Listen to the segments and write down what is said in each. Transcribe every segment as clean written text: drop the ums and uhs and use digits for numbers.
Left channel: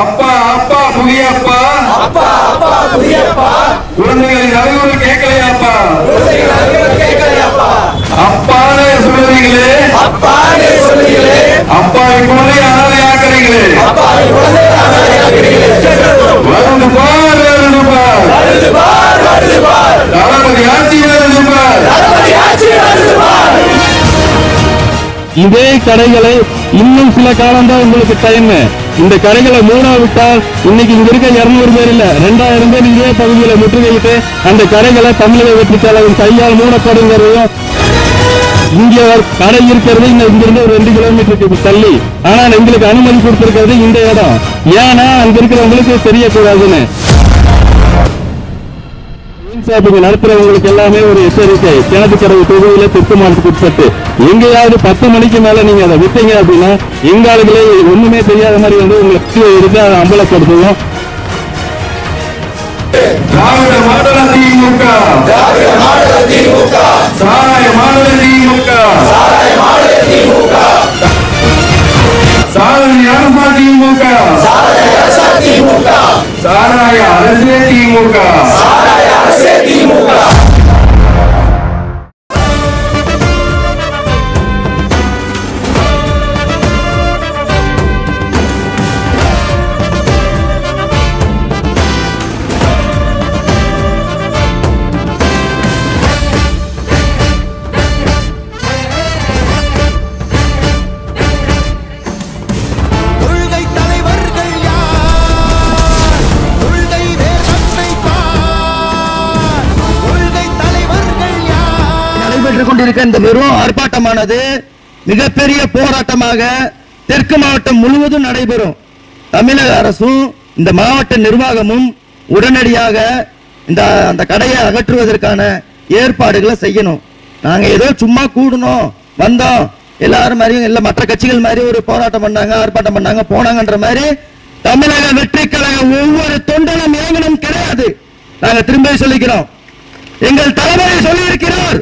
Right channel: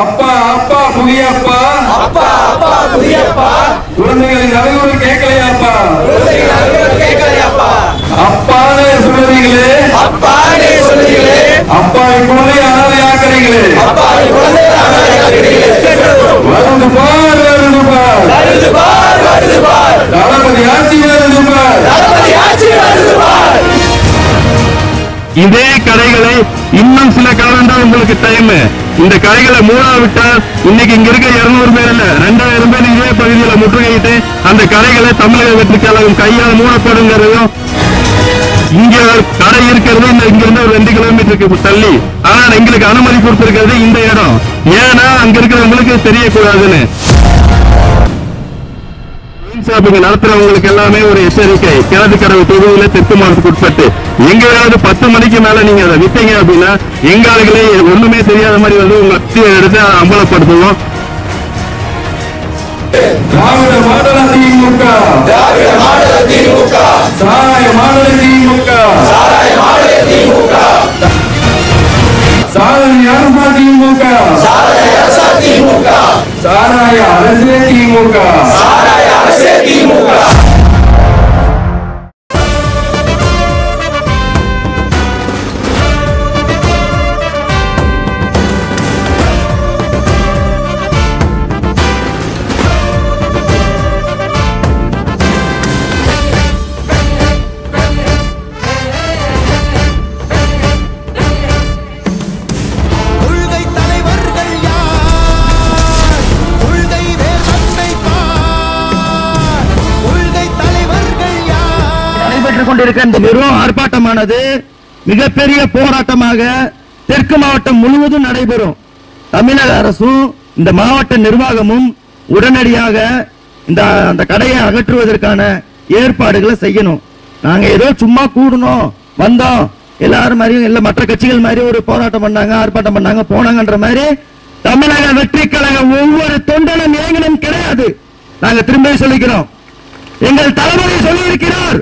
அப்பா அப்பா புதியப்பா, அப்பா அப்பா புதியப்பா, குழந்தைகளின் அறிவுரை கேட்கலையாப்பா, குழந்தைகள் அறிவுரை கேட்கலையாப்பா, அப்பானே சொல்லுறீங்களே, அப்பானே சொல்லுகிறீங்களே, அப்பாவை குழந்தை அனாதை ஆக்குறீங்களே, அப்பாவை குழந்தை அனாதை ஆக்குறீங்களே, வருது பார் வருது பார், வருது பார் வருது பார், தளபதி ஆட்சி வருது பார், தளபதி ஆட்சி வருது பார். இதே கடைகளை இன்னும் சில காலம் தான் உங்களுக்கு டைம். இந்த கடைகளை மூடாவிட்டால் இன்னைக்கு இங்க இருக்க 200 பேர் இல்ல 2000 பேர் இதே பகுதியில் முற்றுகையிட்டு அந்த கடைகளை தமிழக வெற்றி கழகம் கையால் மூடப்படுங்கிறதும், இங்க கடை இருக்கிறது இங்கிருந்து ஒரு 2 கிலோமீட்டருக்கு தள்ளி. ஆனால் எங்களுக்கு அனுமதி கொடுத்திருக்கிறது இந்த இடம். ஏன்னா அங்க இருக்கிறவங்களுக்கு தெரியக்கூடாதுன்னு. ஷாப்பிங் நடத்துறவங்களுக்கு எல்லாமே ஒரு எச்சரிக்கை. கிணத்துக்கடவு தொகுதியில தெற்கு மாவட்டத்துக்கு உட்பட்டு எங்கேயாவது 10 மணிக்கு மேல நீங்க அதை விட்டீங்க அப்படின்னா எங்க ஆளுகளே ஒண்ணுமே தெரியாத மாதிரி வந்து உங்களை எடுத்து அம்பலப்படுத்துவோம். திராவிட மாடல் திமுக, திராவிட மாடல் திமுக, சாராய மாடல் திமுக, சாராய மாடல் திமுக, சாராய அரசா திமுக, சாராய அரசா திமுக, சாராய அரசே திமுக, சாராய அரசே திமுக. இந்த நிறுவனம் ஆர்ப்பாட்டமானது மிகப்பெரிய போராட்டமாக தெற்கு மாவட்டம் முழுவதும் நடைபெறும். தமிழக அரசும் இந்த மாவட்ட நிர்வாகமும் உடனடியாக அந்த கடையை அகற்றுவதற்கான ஏற்பாடுகளை செய்யணும். நாங்க ஏதோ சும்மா கூடணும் வந்தோம் எல்லாரும் மாதிரியும் இல்ல மற்ற கட்சிகள் மாதிரி ஒரு போராட்டம் பண்ணாங்க ஆர்ப்பாட்டம் பண்ணாங்க போனாங்கன்ற மாதிரி தமிழக வெற்றி கழகம் ஒவ்வொரு தொண்டனும் இயங்கணும் கிடையாது. நாங்க திரும்ப சொல்லிக்கிறோம். எங்கள் தலைவரை சொல்லியிருக்கிறார்,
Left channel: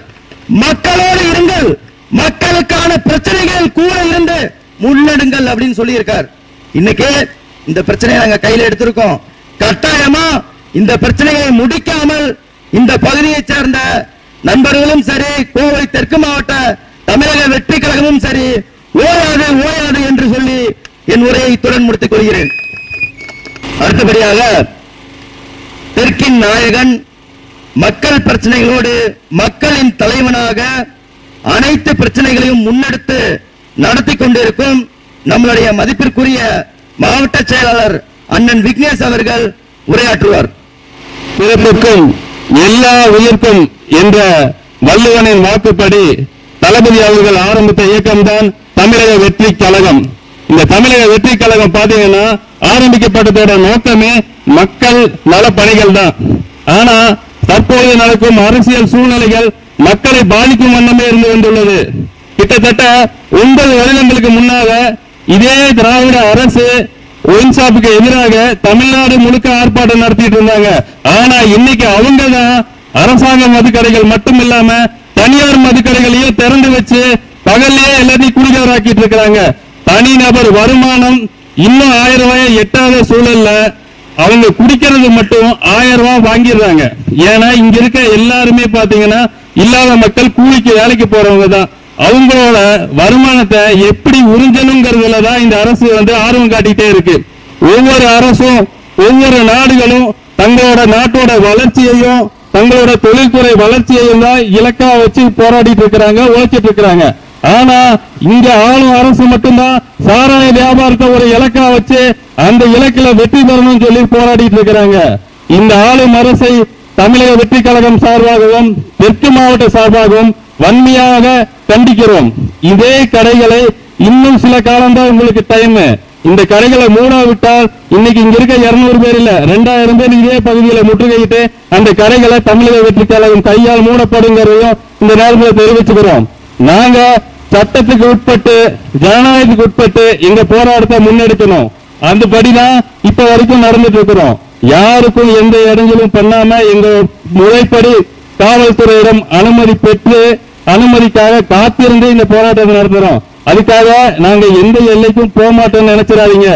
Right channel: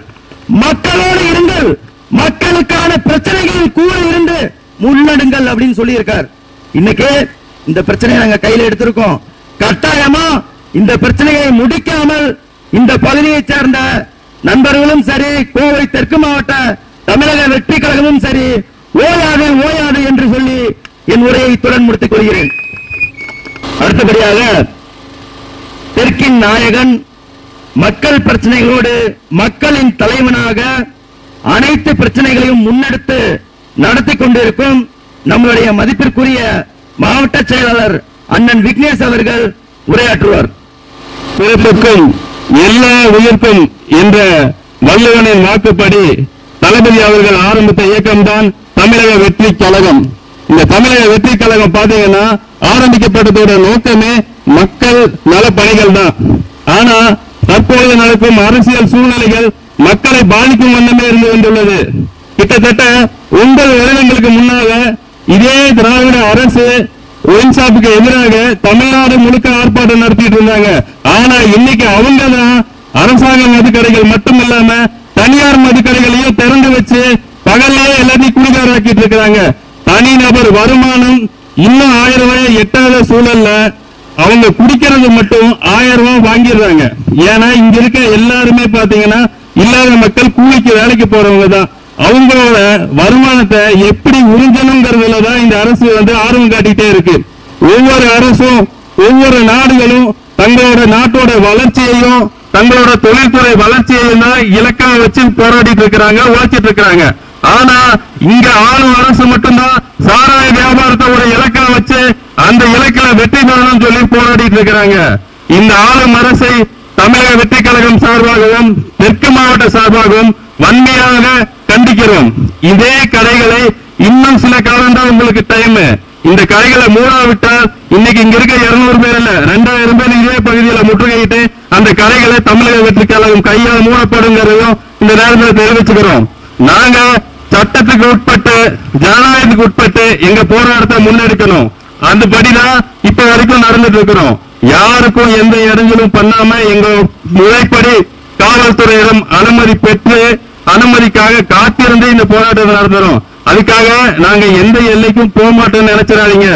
மக்களோடு இருங்கள், மக்களுக்கான பிரச்சனைகள் கூட இருந்து முன்னெடுங்கள் அப்படின்னு சொல்லி இருக்கார். இன்னைக்கு இந்த பிரச்சனையை நாங்க கையில எடுத்திருக்கோம். கட்டாயமா இந்த பிரச்சனையை முடிக்காமல் இந்த பகுதியை சேர்ந்த நண்பர்களும் சரி, கோவை தெற்கு மாவட்ட தமிழக வெற்றி கழகமும் சரி ஓயாது ஓயாது என்று சொல்லி என் உரையை இத்துடன் முடித்துக் கொள்கிறேன். அடுத்தபடியாக தெற்கின் நாயகன், மக்கள் பிரச்சனைகளோடு மக்களின் தலைவனாக அனைத்து பிரச்சனைகளையும் முன்னெடுத்து நடத்தி கொண்டிருக்கும் நம்முடைய மதிப்பிற்குரிய மாவட்ட செயலாளர் அண்ணன் விக்னேஷ் அவர்கள் உரையாற்றுவார். பிறப்புக்கும் எல்லா உயிர்க்கும் என்ற வள்ளுவனின் வாக்குப்படி தளபதி அவர்கள் ஆரம்பித்த இயக்கம்தான் தமிழக வெற்றி கழகம். இந்த தமிழக வெற்றி கழகம் பாத்தீங்கன்னா ஆரம்பிக்கப்பட்டதோட நோக்கமே மக்கள் நல பணிகள் தான். ஆனா தற்போது நடக்கும் அரசியல் சூழ்நிலைகள் மக்களை பாதிக்கும் வண்ணமே இருந்து கொண்டுள்ளது. கிட்டத்தட்ட உங்கள் வருடங்களுக்கு முன்னாக இதே திராவிட அரசு ஒயின் ஷாப்புக்கு எதிராக தமிழ்நாடு முழுக்க ஆர்ப்பாட்டம் நடத்திட்டு இருந்தாங்க. ஆனா இன்னைக்கு அவங்க தான் அரசாங்க மதுக்கடைகள் மட்டும் இல்லாம தனியார் மதுக்கடைகளையும் திறந்து வச்சு பகல்லையே எல்லாத்தையும் குடிகாராக்கிட்டு இருக்கிறாங்க. தனிநபர் வருமானம் இன்னும் 1000 ரூபாய் எட்டாத சூழல்ல அவங்க குடிக்கிறது மட்டும் 1000 ரூபாய் வாங்கிடுறாங்க. ஏன்னா இங்க இருக்க எல்லாருமே பாத்தீங்கன்னா இல்லாத மக்கள் கூலிக்கு வேலைக்கு போறவங்க தான். அவங்களோட வருமானத்தை எப்படி உறிஞ்சணுங்கிறதுலதான் இந்த அரசு ஆர்வம் காட்டிட்டே இருக்கு. ஒவ்வொரு அரசும் ஒவ்வொரு நாடுகளும் தங்களோட நாட்டோட வளர்ச்சியையும் தங்களோட தொழில்துறை வளர்ச்சியையும் தான் இலக்கா வச்சு போராடிட்டு இருக்கிறாங்க, உழைச்சிட்டு இருக்கிறாங்க. ஆனா இங்க ஆளும் அரசு மட்டும்தான் சாராய வியாபாரத்தை ஒரு இலக்கா வச்சு அந்த இலக்குல வெற்றி பெறணும்னு சொல்லி போராடிட்டு இருக்கிறாங்க. இந்த ஆளும் அரசை தமிழக வெற்றி கழகம் சார்பாகவும் தெற்கு மாவட்ட சார்பாகவும் வன்மையாக கண்டிக்கிறோம். இதே கடைகளை இன்னும் சில காலம் தான் உங்களுக்கு டைம். இந்த கடைகளை மூடாவிட்டால் இன்னைக்கு இங்க இருக்க 200 பேர் இல்ல 2000 பேர் இதே பகுதியில் முற்றுகையிட்டு அந்த கடைகளை தமிழக வெற்றி கழகம் கையால் மூடப்படுங்கிறதும் இந்த நேரத்தில் தெரிவிச்சுக்கிறோம். நாங்க சட்டத்துக்கு உட்பட்டு ஜனநாயகத்துக்கு உட்பட்டு எங்க போராட்டத்தை முன்னெடுக்கணும். அந்தபடிதான் இப்ப வரைக்கும் நடந்துட்டு இருக்கிறோம். யாருக்கும் எந்த இடைஞ்சலும் பண்ணாம எங்க முறைப்படி காவல்துறையிடம் அனுமதி பெற்று அனுமதிக்காக காத்திருந்து இந்த போராட்டத்தை நடத்துறோம். அதுக்காக நாங்க எந்த எல்லைக்கும் போக மாட்டோம்னு நினைச்சிடாதீங்க.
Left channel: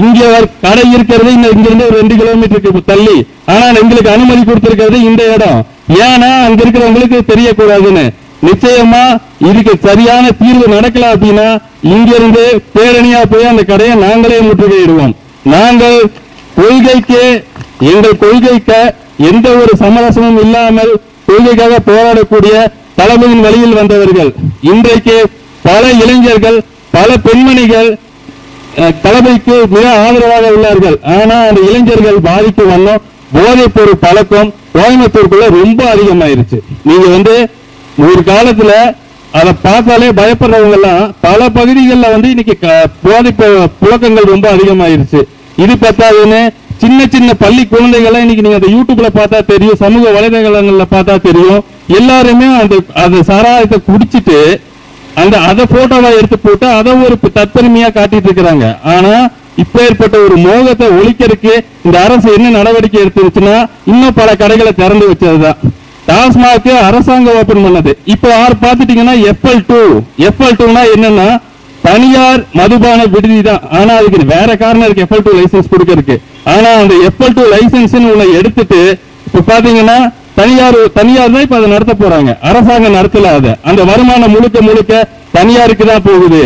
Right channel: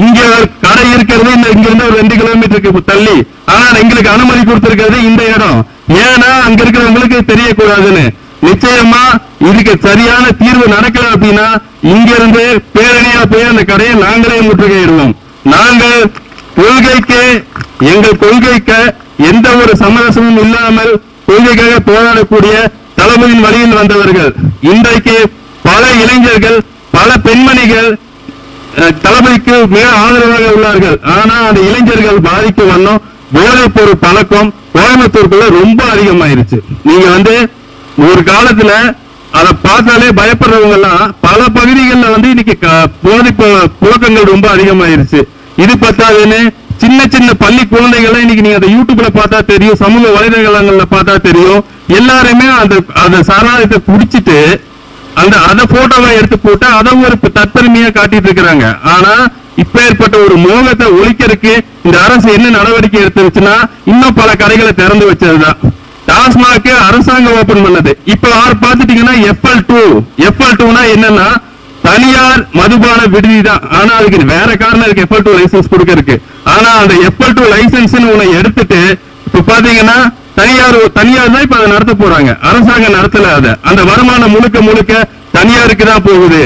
இங்க ஒரு கடை இருக்கிறது இங்க இருந்து ஒரு 2 கிலோமீட்டருக்கு தள்ளி, ஆனால் எங்களுக்கு அனுமதி கொடுத்திருக்கிறது இந்த இடம். ஏன்னா அங்க இருக்கிறவங்களுக்கு தெரியக்கூடாதுன்னு. நிச்சயமா இதுக்கு சரியான தீர்வு நடக்கல அப்படின்னா இங்கிருந்து பேரணியா போய் அந்த கடையை நாங்களே முற்றுகையிடுவோம். நாங்கள் எங்கள் கொள்கைக்கு எந்த ஒரு சமரசமும் இல்லாமல் கொள்கைக்காக போராடக்கூடிய தளபதியின் வழியில் வந்தவர்கள். இன்றைக்கு பல இளைஞர்கள், பல பெண்மணிகள் தளபதிக்கு மிக ஆதரவாக உள்ளார்கள். ஆனா அந்த இளைஞர்கள் பாதிக்கும் வண்ணம் போதைப் பொருள் பழக்கம் கோயம்புத்தூருக்குள்ள ரொம்ப அதிகமாயிருச்சு. நீங்க ஒரு காலத்துல அதை பார்த்தாலே பயப்படுறவங்க எல்லாம் பல பகுதிகளில் இன்னைக்கு போதைப் புழக்கங்கள் ரொம்ப அதிகமாயிருச்சு. இது பத்தாதுன்னு சின்ன சின்ன பள்ளி குழந்தைகள் இன்னைக்கு நீங்க அந்த யூடியூப்ல பார்த்தா தெரியும், சமூக வலைதளங்கள்ல பார்த்தா தெரியும், எல்லாருமே அந்த சாராயத்தை குடிச்சிட்டு அதை போட்டோவா எடுத்து போட்டு அதை ஒரு தற்பெருமையா காட்டிட்டு இருக்கிறாங்க. ஆனா இப்ப ஏற்பட்ட ஒரு மோகத்தை ஒழிக்கிறதுக்கு இந்த அரசு என்ன நடவடிக்கை எடுத்துச்சுன்னா இன்னும் பல கடைகளை திறந்து வச்சதுதான். டாஸ்மாக் அரசாங்கம் ஓபன் பண்ணது. இப்ப பாத்துட்டீங்கன்னா FL2 என்னன்னா தனியார் மதுபான விடுதி தான். ஆனா அதுக்கு வேற காரணம் இருக்கு FL2 லைசன்ஸ் கொடுக்கறதுக்கு. ஆனா அந்த FL2 லைசன்ஸ் உன்னை எடுத்துட்டு இப்ப பாத்தீங்கன்னா தனியார் தான் இப்ப அதை நடத்த போறாங்க. அரசாங்கம் நடத்தல. அந்த வருமானம் முழுக்க தனியாருக்கு தான் போகுது.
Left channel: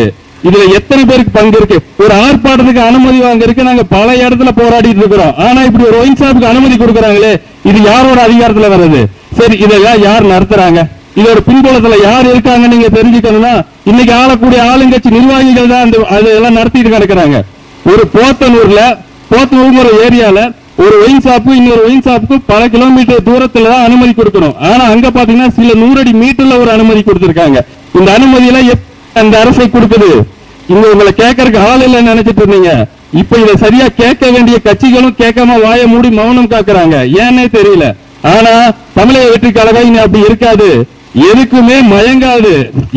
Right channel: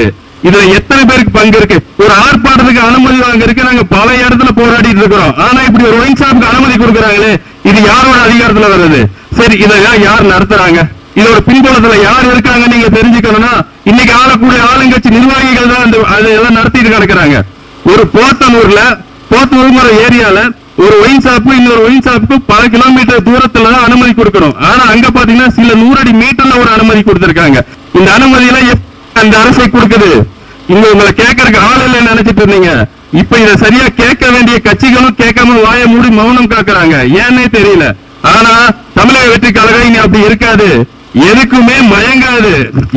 இதுல எத்தனை பேருக்கு பங்கு இருக்கு? ஒரு ஆர்ப்பாட்டத்துக்கு அனுமதி வாங்கறதுக்கு நாங்க பல இடத்துல போராடிட்டு இருக்கிறோம். ஆனா இப்படி ஒரு ஒயின் ஷாப்புக்கு அனுமதி கொடுக்கறாங்களே, இது யாரோட அதிகாரத்துல வர்றது? சரி, இதை யார் நடத்துறாங்க? இதோட பின்புலத்துல யார் இருக்காங்க நீங்க தெரிஞ்சுக்கணும்னா இன்னைக்கு ஆளக்கூடிய ஆளுங்கட்சி நிர்வாகிகள் தான் அதெல்லாம் நடத்திட்டு கிடக்குறாங்க. ஒரு போத்தனூர் ஏரியால ஒரு ஒயின் ஷாப்பு இன்னொரு ஒயின் ஷாப்புக்கு பல கிலோமீட்டர் தூரத்துல தான் அனுமதி கொடுக்கணும். ஆனா அங்க பாத்தீங்கன்னா சில 100 அடி மீட்டர்ல ஒரு அனுமதி கொடுத்திருக்காங்க. இந்த அனுமதியில அந்த அரசை கொடுக்குது. இங்க உங்களை கேட்கறதுக்கு ஆள் இல்லைன்னு நினைச்சிட்டு இருந்தீங்க. இப்ப இதை சரியா கேட்க வேண்டிய கட்சிகளும் கேட்காம வாய மூடி மௌனம் காக்குறாங்க. ஏன்னே தெரியல. ஆனா தமிழக வெற்றி கழகம் இனி அப்படி இருக்காது. எதுக்குமே மயங்காது.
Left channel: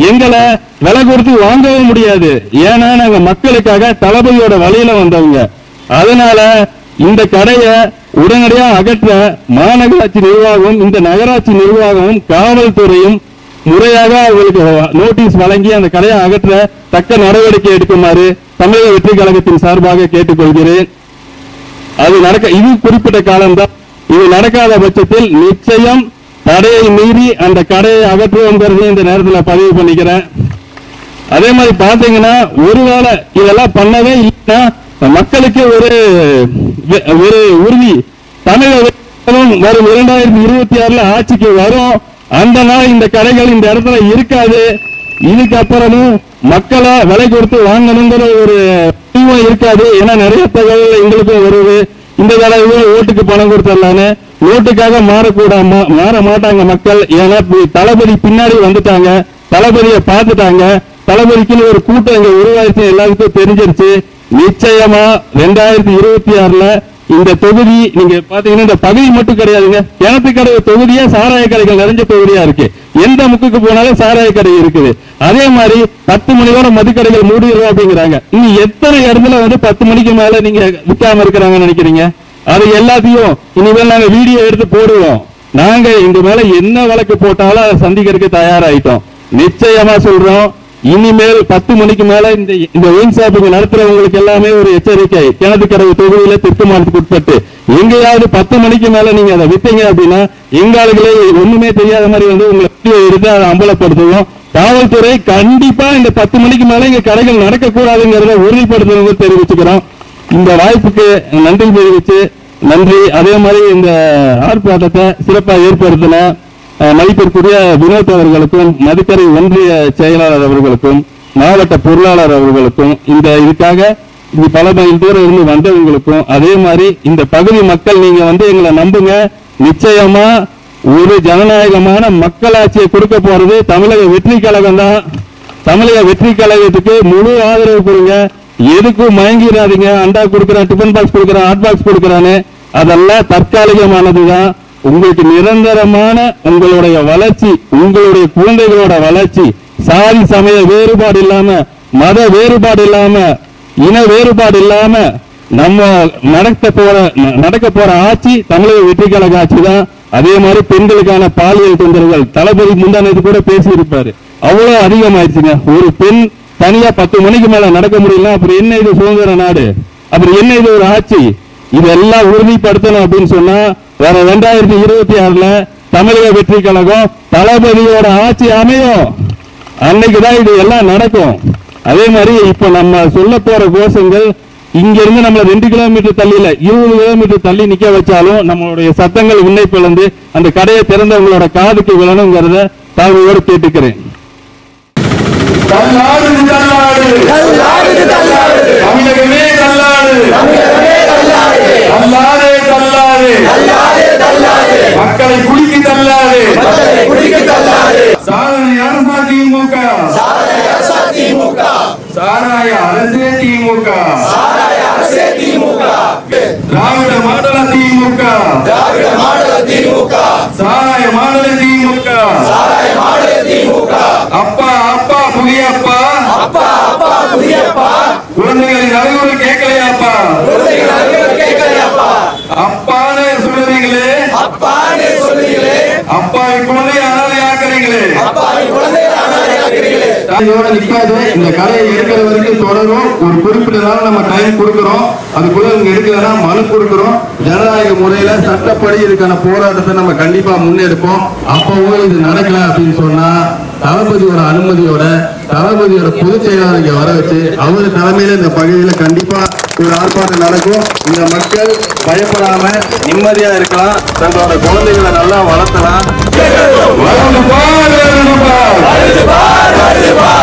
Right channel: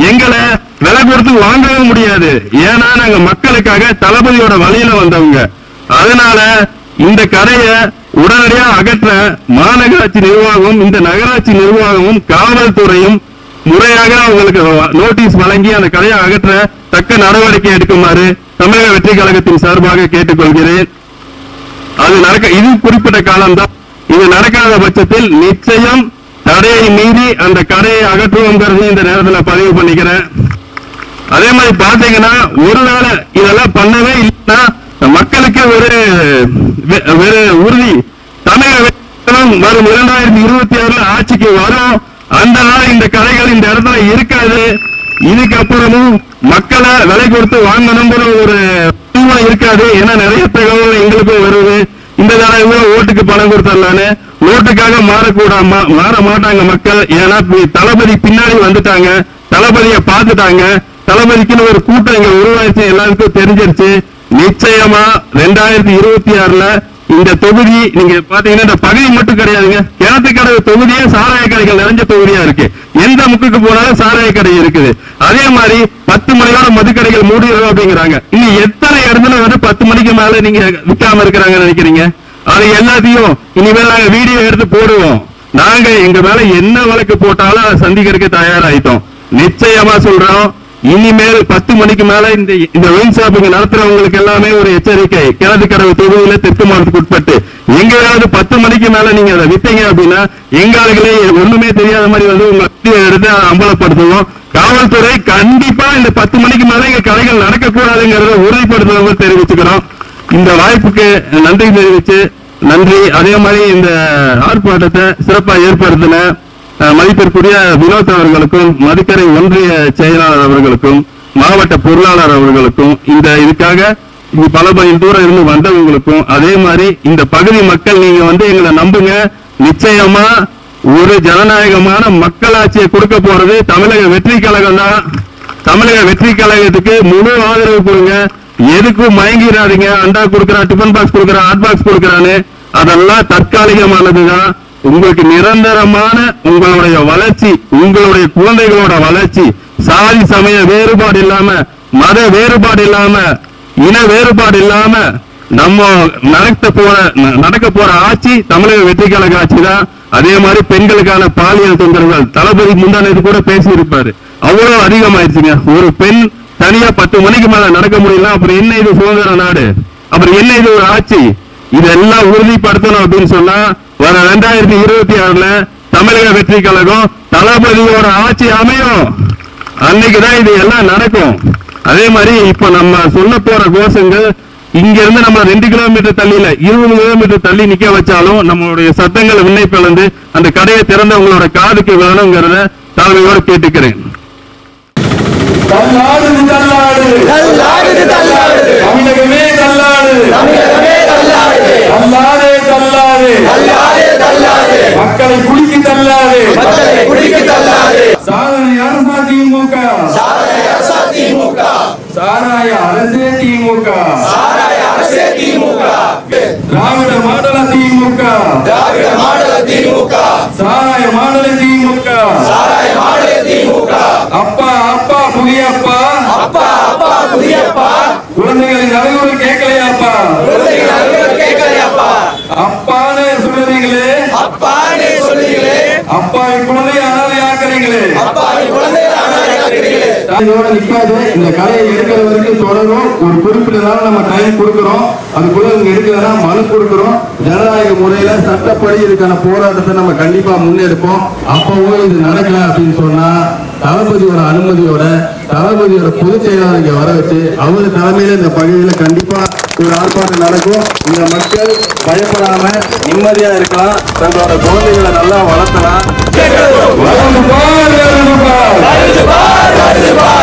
எங்களை விலை கொடுத்து வாங்கவும் முடியாது. ஏன்னா நாங்க மக்களுக்காக தளபதியோட வழியில வந்தவங்க. அதனால இந்த கடையை உடனடியா அகற்ற மாநகராட்சி நிர்வாகமும் இந்த நகராட்சி நிர்வாகமும் காவல்துறையும் முறையாக அவங்களுக்கு நோட்டீஸ் வழங்கி அந்த கடையை அகற்ற தக்க நடவடிக்கை எடுக்குமாறு தமிழக வெற்றி கழகத்தின் சார்பாக கேட்டுக்கொள்கிறேன். இது குறிப்பிட்ட காலம்தான். இது நடக்காத பட்சத்தில் நிச்சயம் தடையை மீறி அந்த கடையை அகற்றுவோம் இந்த நேரத்தில் பதிவு பண்ணிக்கிறேன். அதே மாதிரி பாத்தீங்கன்னா ஒருவேளை இதெல்லாம் பண்ணவே இல்லைன்னா மக்களுக்கு ஒரு உறுதி, தமிழக வரும் 2026 ஆட்சிக்கு வரும். அந்த நாள் இந்த கடைகள் இந்த இடத்துல இருக்காது. இதுக்கப்புறமும் மக்களை விலை கொடுத்து வாங்கணுங்கிற ஒரு சூழ்நிலை இருக்காது. ஏன்னா நிறைய தகவல் எங்களுக்கும் வருது. இந்த தடவை ஓட்டுக்கு பணம் கொடுத்துடலான்னு ஓட்டுக்காக மாற மாட்டாங்க மக்கள். ஏன்னா தளபதி பின்னாடி வந்துட்டாங்க, தளபதியை பார்த்துட்டாங்க, தளபதிக்குன்னு ஒரு கூட்டம் இங்க உருவாயிருச்சு, எல்லாருக்கும் தெரிஞ்சிருச்சு. நிச்சயமா 2026 இந்த தொகுதி நீங்க பாத்தீங்கன்னா இந்த பகுதி மட்டும் கிடையாதுங்க, கிணத்துக்கடை தொகுதியே சாராய கடைகள் நிறைஞ்ச தொகுதியா இருக்கு. எந்த முக்குக்கு போனாலும் சாராய கடை இருக்குது. அதே மாதிரி 10 மணியோட மதுக்கடைகள் மூடிடுறோம் அப்படிங்கிறாங்க. இனி எத்தனை இடத்துல 10 மணிக்கு மேல நீங்க விற்காம இருக்கிறாங்கன்னு நினைக்கிறீங்க? அது எல்லாத்தையும் இனிமேல் நாங்க வீடியோ எடுத்து போடுவோம். நாங்க எங்க மேல என்ன வழக்கு போட்டாலும் அதை சந்திக்கிறதுக்கு தயாராயிட்டோம். நிச்சயமா சொல்றோம், இனிமேல் 10 மணிக்கு மேல இந்த ஒயின் ஷாப்பிங் நடத்துறவங்களுக்கு எல்லாமே ஒரு எச்சரிக்கை. கிணத்துக்கடவு தொகுதியில தெற்கு மாவட்டத்துக்கு உட்பட்டு எங்கேயாவது 10 மணிக்கு மேல நீங்க அதை வித்தீங்க அப்படின்னா எங்க ஆளுகளே ஒண்ணுமே தெரியாத மாதிரி உங்களை எடுத்து அதை அம்பலப்படுத்துவோம். காவல்துறை கண்டிப்பா இந்த 10 மணிக்கு மேல இங்க கடைகள் நடக்கக்கூடாதுங்கிறத உறுதிப்படுத்துறவங்க தெரிவிச்சுக்கிறோம். இந்த வாய்ப்புக்கு நன்றி தெரிவிச்சு நன்றி. அதே மாதிரி இந்த ஆர்ப்பாட்டத்தை சிறப்பாக ஏற்படுத்தின மதிப்பிற்குரிய வினோத் அவர்களுக்கும், மதுக்கரை ஒன்றிய செயலாளர் அவர்களுக்கும், மாவட்ட பொருளாளர் அவர்களுக்கும், இதுக்காக பல மைல் தூரம் இருந்து வந்தவங்களுக்கும், அதே மாதிரி இந்த பகுதி மக்கள் நீங்க எங்களை நம்புங்க. நிச்சயமா ஒரு ஜனநாயகமான மக்களாட்சியை கொடுக்க போறது தமிழக வெற்றி கழகம் தான். தமிழக வெற்றி கழகத்துக்கு முழு ஆதரவு கொடுங்க. எதுக்கும் மயங்கிடாதீங்க. அண்டா கொடுக்கிறான், டிபன் பாக்ஸ் கொடுக்கிறான், ஹாட் பாக்ஸ் கொடுக்கிறான்னு அதெல்லாம் தற்காலிகமானதுதான். உங்களுக்கு நிரந்தரமான உங்களுடைய வளர்ச்சி, உங்களுடைய குழந்தைகளோட வளர்ச்சி, சாதி சமய வேறுபாடு இல்லாம, மத வேறுபாடு இல்லாம, இன வேறுபாடு இல்லாம நம்ம நடக்க போற ஆட்சி தமிழக வெற்றி கழக ஆட்சி தான். அதே மாதிரி பெண்களுக்கான பாலியல் தொந்தரவுகள் தளபதி முந்தானது கூட பேசி இருப்பாரு, அவ்வளவு அதிகமாயிருச்சுங்க. ஒரு பெண் தனியா 10 மணிக்கு மேல நடக்க முடியல, அப்புறம் என்ன இது சுதந்திர நாடு? அப்புறம் என்ன இது ஒரு ஆட்சி? இதெல்லாம் உறுதிப்படுத்தணும் அப்படின்னு சொன்னா வர 2026 தமிழக வெற்றி கழகம் தளபதியோட ஆட்சி அமையும். அன்னைக்குதான் இது எல்லாம் நடக்கும். அதே மாதிரி இப்ப நம்ம சொல்ல போற கோஷங்கள் இங்க இருந்து நம்ம 2 கிலோமீட்டர் தள்ளியில 20 கிலோமீட்டர் தள்ளி நிக்க வச்சாலும் நம்மளுடைய சத்தங்கள் விண்ணை பிளந்து அந்த கடையை திறந்து உங்களோட காதுக்கு வேணுங்கிறத தாழ்மையோடு கேட்டுக்கிறேன். தள்ளாடு தள்ளாடு தள்ளாடு தள்ளாடு தமிழகமே தள்ளாடு தமிழகமே தள்ளாடு தள்ளாதே தள்ளாதே தள்ளாடு தள்ளாடு மக்களை குலுக்கி தள்ளாதே மக்களை குடிக்க தள்ளாடு சாதனை அரசா திமுக சாராய அரசா திமுக சாராய அரசே திமுக சாராய அரசே திமுக திராவிட மாடல திமுக திராவிட மாடல திமுக சாராய மாடல திமுக சாராய மாடல திமுக அப்பா அப்பா புதியப்பா அப்பா அப்பா புதியப்பா குழந்தைகளின் அறிவுரை கேட்கலையாப்பா குழந்தைகள் அறிவுரை கேட்கலையாப்பா அப்பான்னு சொல்லுவீங்களே அப்பான்னு சொல்லுங்களே அப்பாவை குழந்தைய அனாதை ஆக்குறீங்களே அப்பாவை குழந்தைகள் அனாதையாக்குறீங்களே இதோட நிக்காது. இந்த கலையை எடுக்கிற வரைக்கும் தொடரும். ஒரு குறிப்பிட்ட நாள் நம்ம டைம் கொடுக்கிறோம். அதுக்குள்ள இங்க எடுக்கலன்னா மனு கொடுக்கிறோம். ஜனநாயக முறையில சட்டப்படி இதுக்கான போராட்டத்தை நம்ம கண்டிப்பா முன்னெடுப்போம். அப்பவும் இது நடக்கல அப்படின்னு சொன்னா தளபதியோட அனுமதியோட தளபதியோட பொதுச் செயலாளர் இங்க வர வச்சு அவரு தலைமையில இந்த பகுதியில கண்டிப்பா ஒரு ஆர்ப்பாட்டம் நடக்கும். இந்த மக்கள் பயப்படாம நிம்மதியா இருக்கலாம். தங்களோட குழந்தைகளை நல்லா வளர்த்தலாம். வருது பார் வருது பார்